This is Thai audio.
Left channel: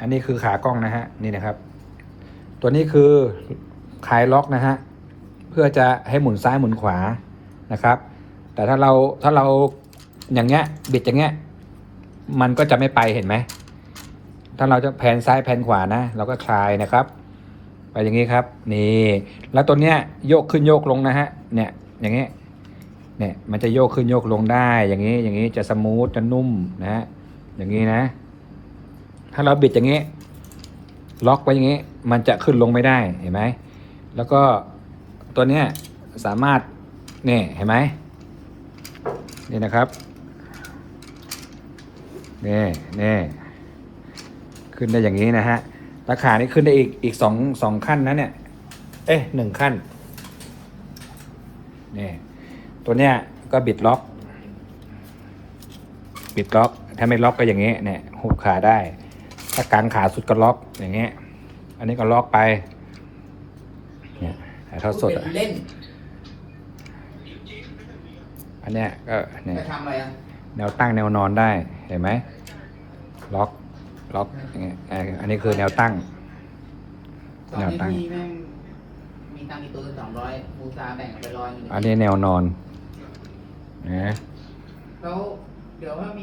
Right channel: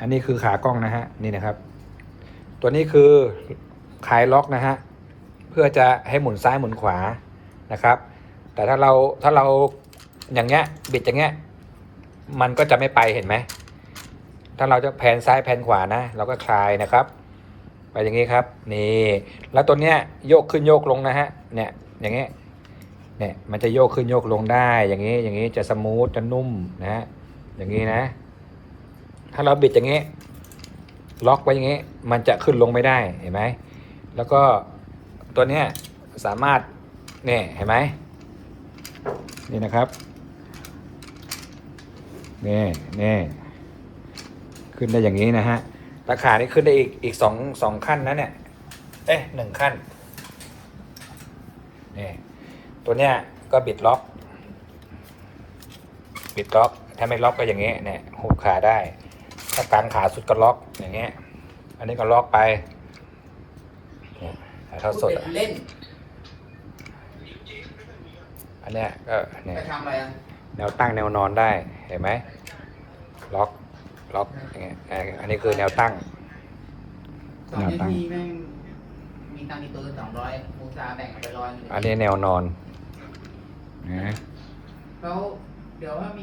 อันนี้คือขากล้องนะฮะนี่นะครับ ตัวนี้คือคลายล็อกนะฮะเพื่อจะให้หมุนซ้ายหมุนขวานะครับ แต่ถ้าเราถ้าเราอย่างเงี้ยบิดอย่างเงี้ยมันก็จะไม่ไปเห็นไหมถ้าเราจะแผนซ้ายแผนขวานะเราก็คลายนะครับเอาอย่างนี้ครับนี่แล้วตัวเนี้ยโยกขึ้นโยกลงนะฮะเนี่ยอย่างเงี้ยเนี่ยมันจะโยกขึ้นโยกลงได้อย่างนี้อย่างนี้จะสมูทจะนุ่มนะฮะอย่างนี้นะ ถ้าเราบิดอย่างนี้ล็อกไว้อย่างนี้ มันจะขึ้นลงไม่ได้เห็นไหมแล้วก็ตัวนี้สามารถนี่เห็นไหมนี่นะครับนี่นี่ขึ้นได้อย่างนี้นะฮะราคานี่ขึ้นได้อีกอีกสองสองขั้นนะเนี่ยเอ้ยหนึ่งขั้นนี่ตัวเนี้ยก็บิดล็อกบิดล็อกถ้าไม่ล็อกก็อย่างเงี้เนี่ยหุบขาได้ ถ้ากางขาสุดก็ล็อกอย่างเงี้ย อันนี้ก็ล็อกไปเนี่ยแต่ถ้าสุดเด็กเล่นอันเนี้ยก็เนี่ยจะทำอะไรนะแนวตั้งแนวนอนได้เห็นไหมล็อกล็อกเนี่ยเอออันนี้คือแนวตั้งตอนนี้พี่แม่งมีตังค์มีตัวสองร้อยบูชาแบ่งไปร้อยหนึงอันนี้แนวนอนนะแล้วเดี๋ยวว่ามี